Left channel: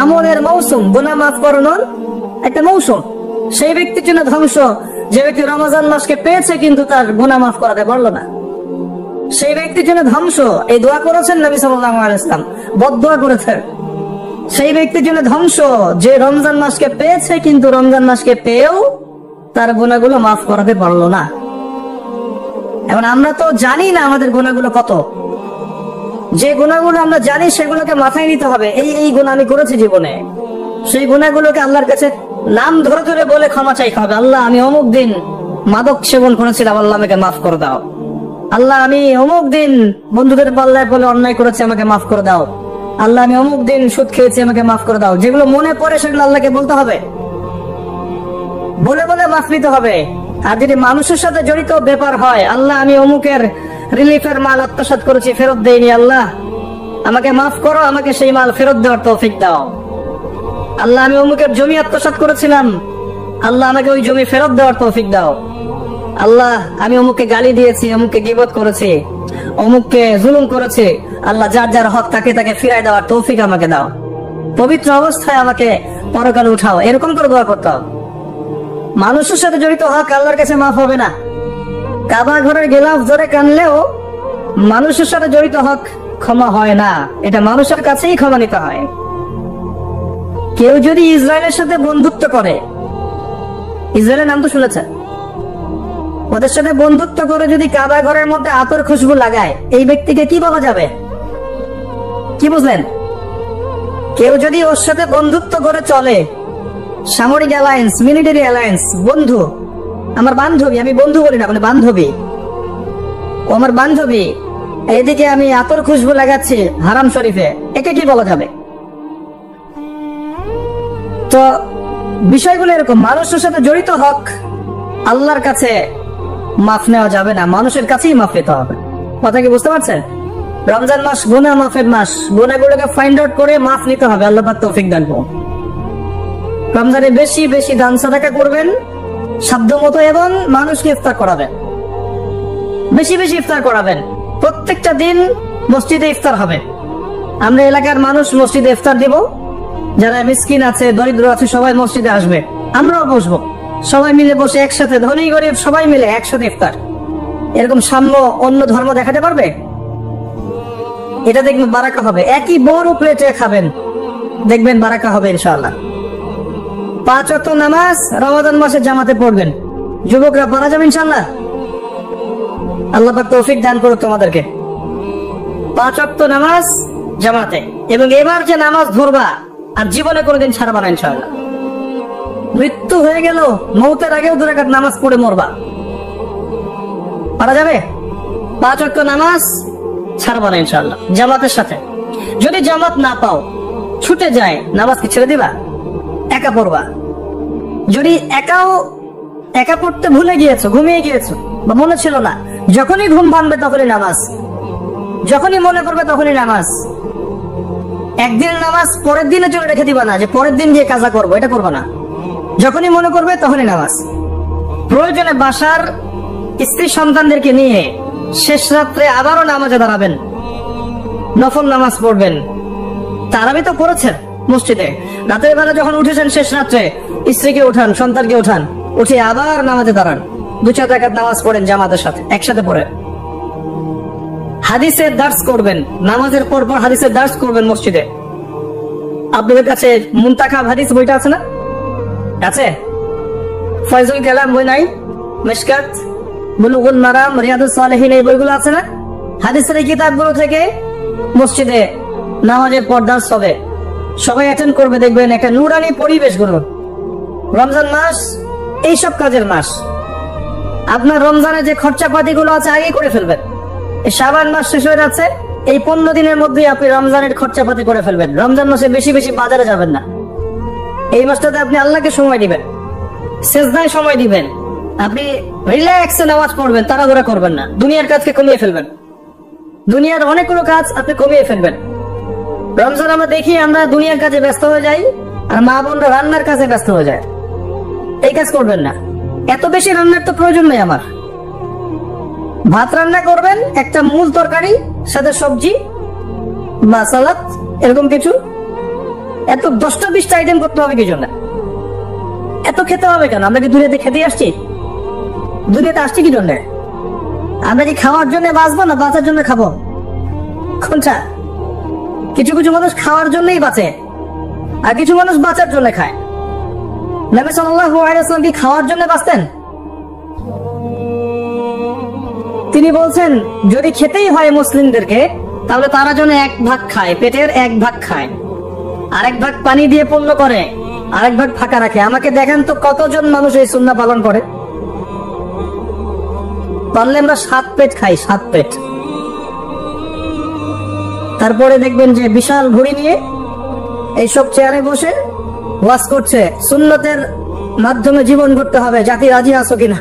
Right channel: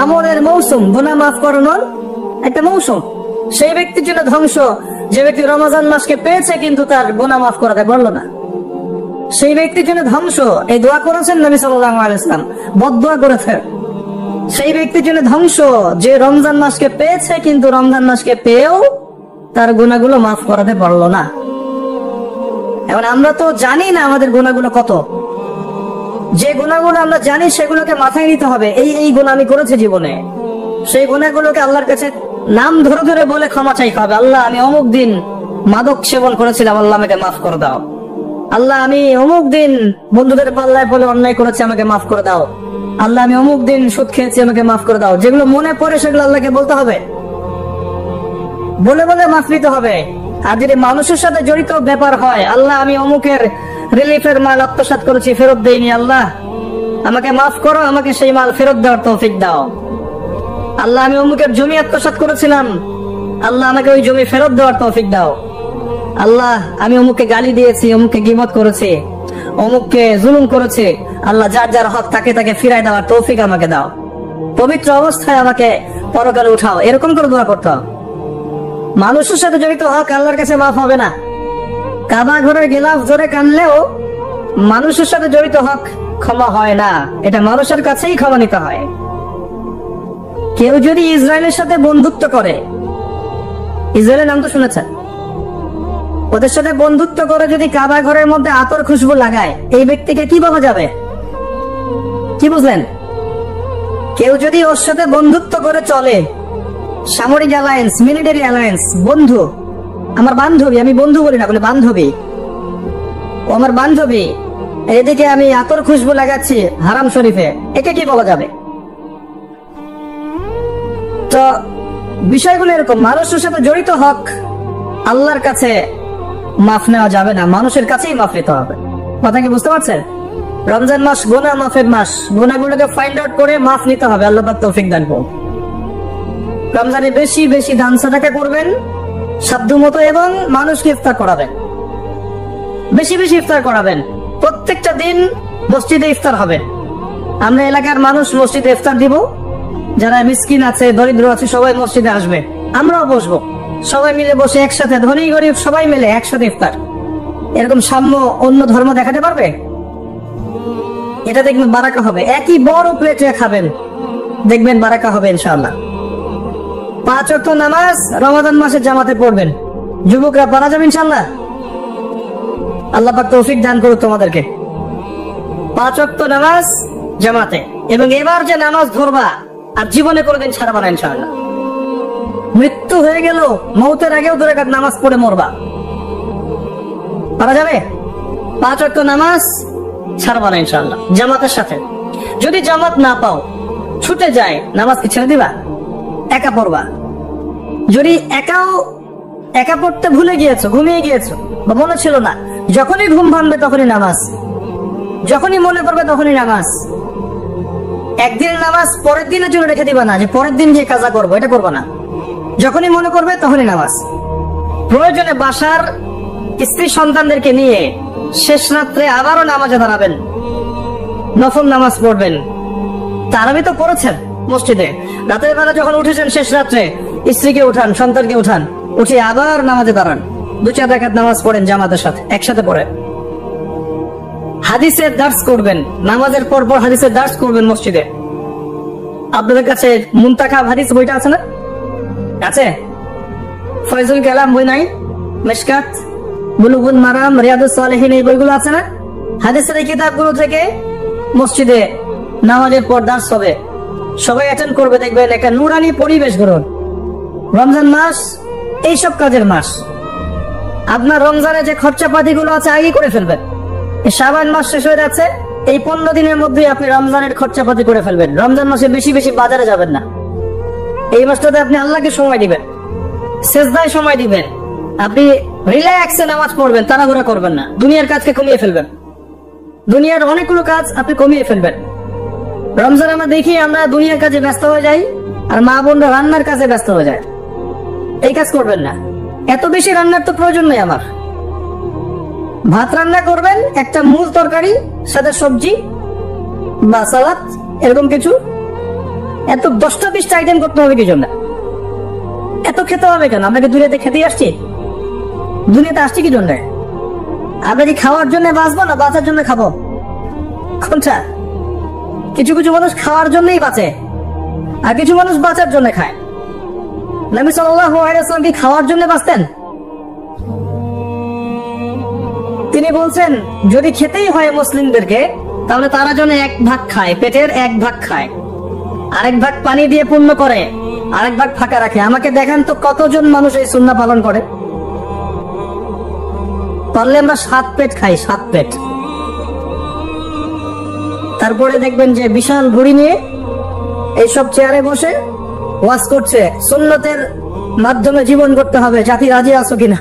আমলের মৌসুম, গুনাহ মাফ করানোর একটা মৌসুম। সেই ব্যক্তির জন্য ধ্বংস যে ব্যক্তি রমজান মাসকে পেয়েছে কিন্তু তার গুনাহ মাফ করাতে পারলো না। সেই ব্যক্তির জন্য ধ্বংস, এই দোয়া করেছেন নবী সাল্লাল্লাহু আলাইহি ওয়াসাল্লাম, বদদোয়া করেছেন। সেই ব্যক্তির জন্য ধ্বংস যে রমজান মাসকে পেয়েছে কিন্তু রমজান মাসকে পেয়েও তার গুনাহগুলো মাফ করাতে পারলো না। এখন আমরা তো জানি না আমাদের গুনাহগুলো কত। যে গুনাহগুলো আমরা জানি সেগুলোকে মাথায় নিতে হবে, এই গুনাহ আমি করেছি জীবনে। সেই গুনাহগুলোকে আল্লাহর কাছে নাম ধরে ধরে বলে ক্ষমা চাইতে হবে। আল্লাহ, আমি অমুক দিন মাদক সেবন করেছিলাম, আল্লাহ আমাকে মাফ করে দাও। আল্লাহ, আমি অমুক দিন বন্ধুদের পাল্লায় বলে অন্যায় করেছি, আমাকে মাফ করে দাও। আল্লাহ, আমি অমুক দিন সুদ খেয়েছি, আমাকে মাফ করে দাও। যেগুলো মনে পড়ে সেগুলো আল্লাহকে বলতে হবে, বলে বলে মাফ নিতে হবে। আর যদি মানুষের সাথে জড়িত ব্যাপার হয়, আল্লাহ, আমি অমুকের রিলিফের মাল আত্মসাৎ করেছি, ফেরত দেইনি, আল্লাহ আমাকে মাফ করো, আমাকে সেই মাল ফেরত দেওয়ার তৌফিক দাও। আল্লাহ, আমি অমুকের জমি আত্মসাৎ করেছিলাম, আল্লাহ আমাকে ওই জমি ফেরত দেওয়ার তৌফিক দাও। আল্লাহ, আমি অমুককে গালি দিয়েছি, অমুককে গীবত করেছি, অমুককে জুলুম করেছি, আল্লাহ যার যার হক তাকে তাকে ফিরাই দেওয়ার তৌফিক আমাকে দাও। পবিত্র অবস্থায় আমাকে পরকালে উঠাও, এরকম করে দোয়া করতে হবে। মানুষের সাথে জড়িত হক আল্লাহর কাছে মাফ হবে না। কাবা ঘরে গেলাফ জোরে কানলেও মানুষের সাথে জড়িত হক ক্ষমা হয় না, এটা মানুষের কাছেই ক্ষমা নিতে হয়। কেউ যদি ইসরায়েলের সাথে বন্ধুত্ব করে, ইসরায়েলের নাম তো শুনেছেন, ওদের সাথে বন্ধুত্ব করে যদি কাবা ঘরের মধ্যে আতর খুশবু লাগায়, এই ব্যক্তিকে কি বলা যাবে? কি বুঝলেন? কেউ যদি ওর সাথে বন্ধুত্ব করে চলে, সামরিক অ্যালায়েন্স, মিলিটারি অ্যালায়েন্স, বন্ধু, আমার বান্ধবী, আমি বন্ধু বলি না, মানে বান্ধবী, ও আমার বান্ধবী, এদিকে আমি আতর খুশবু লাগাচ্ছি হারাম শরীফে, একে কি বলা যাবে? তো বিষয়গুলো এরকম, মানুষের সাথে জড়িত হক আল্লাহর কাছে মাফ নেওয়া যাবে না, মানুষের কাছেই মাফ নিতে হবে। কথা কি বুঝতে পারছেন? রমজান মাস গুনাহ মাফের মাস, গুনাহগুলোকে ফাইন্ড আউট করে মাফ নিতে হবে। আল্লাহ পাক তৌফিক দান করুন। রমজানে বেশি বেশি দান সাদাকা করবেন সাধ্য মতো, এবং মানুষকে ইফতার করাবেন, বেশি বেশি ইফতার করাবেন। প্রত্যেকটা দিন মসজিদে ইফতার হবে। আমরা এলাকার মানুষ মসজিদে ইফতার দিব, যারা মিসকিন আছে, দরিদ্র আছে, সবাই মসজিদে আসবে, আমরাও বসবো, সবাই মিলে বসে একসাথে, ধনী গরিব সবাই মিলে একসাথে ইফতার। এরকম সাম্য অন্য ধর্ম দেখাতে পারবে? এটা দেখবেন বারাকা হবে। একই বড় প্লেটে খাবেন, দেখবেন বারাকা হবে ইনশাআল্লাহ। 5 ওয়াক্ত নামাজ রমাদান মাসে জামাতে পড়বেন, যুবকরা পারা যাবে ইনশাআল্লাহ। আল্লাহ পাক তৌফিক দান করুক তোমাদেরকে। 5 ওয়াক্ত নামাজ জামাতে, এবং এবার যে নামাজ ধরবা আর জীবনে কোনোদিন ছাড়বা না ইনশাআল্লাহ। মৃত্যু হয়ে গেল, মৌতের আগেও 2 রাকাত নামাজ পড়ে মরবা, পারা যাবে? 5 ওয়াক্ত নামাজ ছাড়বা না ইনশাআল্লাহ, জামাতের সাথে। যদি জামাত না পাও, ছুটে যায়, নামাজ কি ছেড়ে দিবা? একা পড়বা। যদি একা পড়তে ভুলে গিয়েছো, ঘুমিয়ে গিয়েছো, বা মনে ছিল না, যখনই ঘুম ভাঙবে তখনই নামাজ, যখনই মনে পড়বে তখনই নামাজ। একদিন নামাজ পরের দিনে চলে রেখে দিবা না, যে পরের দিন গিয়ে কাজা করবো, এটা করবো না। যখনই মনে করবে তখনই নামাজ। প্রয়োজনে বাসার স্ত্রী সন্তানদেরকে নিয়ে শেষ রাত্রে আবারও নামাজে দাঁড়াবেন, নফল নামাজ পড়বেন। তারাবি তো পড়েছেন মসজিদে, রাতের বেলা যখন উঠেছেন শেষ রাত্রে, স্ত্রীকে উঠান, সন্তানকে উঠান, উঠে আবার নামাজে দাঁড়ান, 2-4 রাকাত নামাজ পড়েন জামাতের সাথে, একসাথে পড়ে। হাদিসের দার্স করবেন, নামাজের পর পর হাদিসের দার্স করবেন মসজিদে। আপনাদের কাছে মুনতাকাব হাদিস বইটা আছে না? আছে? ফয়জুল কালাম বই নাই? মিশকাত, বুলুগুল মারাম, রিয়াদুস সালিহিন, এই বইগুলো আছে না? হাদিসের এই কিতাবগুলো থেকে মসজিদে নামাজের পর দার্স হবে, সবাই অ্যাটেন্ড করবে, দেখবেন একটা নুরানি পরিবেশ গড়ে। রমজান মাস এইসব কাজের মাস। আপনার রমজানে যে খরচাপাতি গুলো আছে আগে করে ফেলবেন। এই শাবান মাস শেষ হয়ে যাচ্ছে, এই 15 দিনের মধ্যে আপনি রমজানের খরচাপাতি করে ফেলবেন। রমজান মাসে বেশি বেশি বাজারে যাবেন না। এই মাসটাতে আপনি আল্লাহকে সময় দিবেন, সেজদায় সময় দিবেন, আপনি রিল্যাক্সে নামাজ পড়বেন, তাড়াহুড়া করবেন না, দুনিয়ার কাজকে কমিয়ে ফেলবেন, দুনিয়ার অনেকগুলো কাজ আপনি কমিয়ে ফেলবেন। রমজান আমরা দেখি আমরা দুনিয়ার কাজে ব্যস্ত হয়ে যাই, আর মা বোনরা রান্নার কাজে ব্যস্ত হয়ে যায়। এই কাজ করবেন না, এত বেশি রান্নার তো প্রয়োজন নেই আমার। ভাত রান্না করবেন, একটা মূল তরকারি, সাথে সবজি বা সালাদ, এরকম কিছু, এত 10টা-20টা আইটেম করতে হবে কি জন্য? এত খেতে হবে কেন? আমরা কি দুনিয়াতে খেতে আসছি? দুনিয়াতে আসছি কি জন্য? আমরা কি খাওয়ার জন্য বাঁচবো না বাঁচার জন্য খাবো? কোনটা? কিছু কিছু মানুষ খাওয়ার জন্যই বাঁচে, আর কিছু মানুষ বাঁচার জন্য খায়। নবী সাল্লাল্লাহু আলাইহি ওয়াসাল্লাম কি খাওয়ার জন্য বাঁচতেন? তিনি বলছেন যদি খেতেই হয় মুসলিমদেরকে, তাহলে তারা যেন 1 ভাগ খায়, পেটের 1 ভাগ খায়, আরেক ভাগ পানি দিয়ে পূর্ণ করে, আরেক ভাগ ফাঁকা রাখে। আমাকে দেখান তো কতজন মানুষ এই সুন্নাহ পালন করে? তাহলে আমরা 7 পেট খাই, 7 পেট। তারপরে দেখবেন যে বিশাল ঘুড়ি নিয়ে এইসব চেয়ারে বসে ওয়াজ করছে, সুন্নতের মাধ্যমে জীবন করতে হবে, জাতি রাজি আছো কিনা?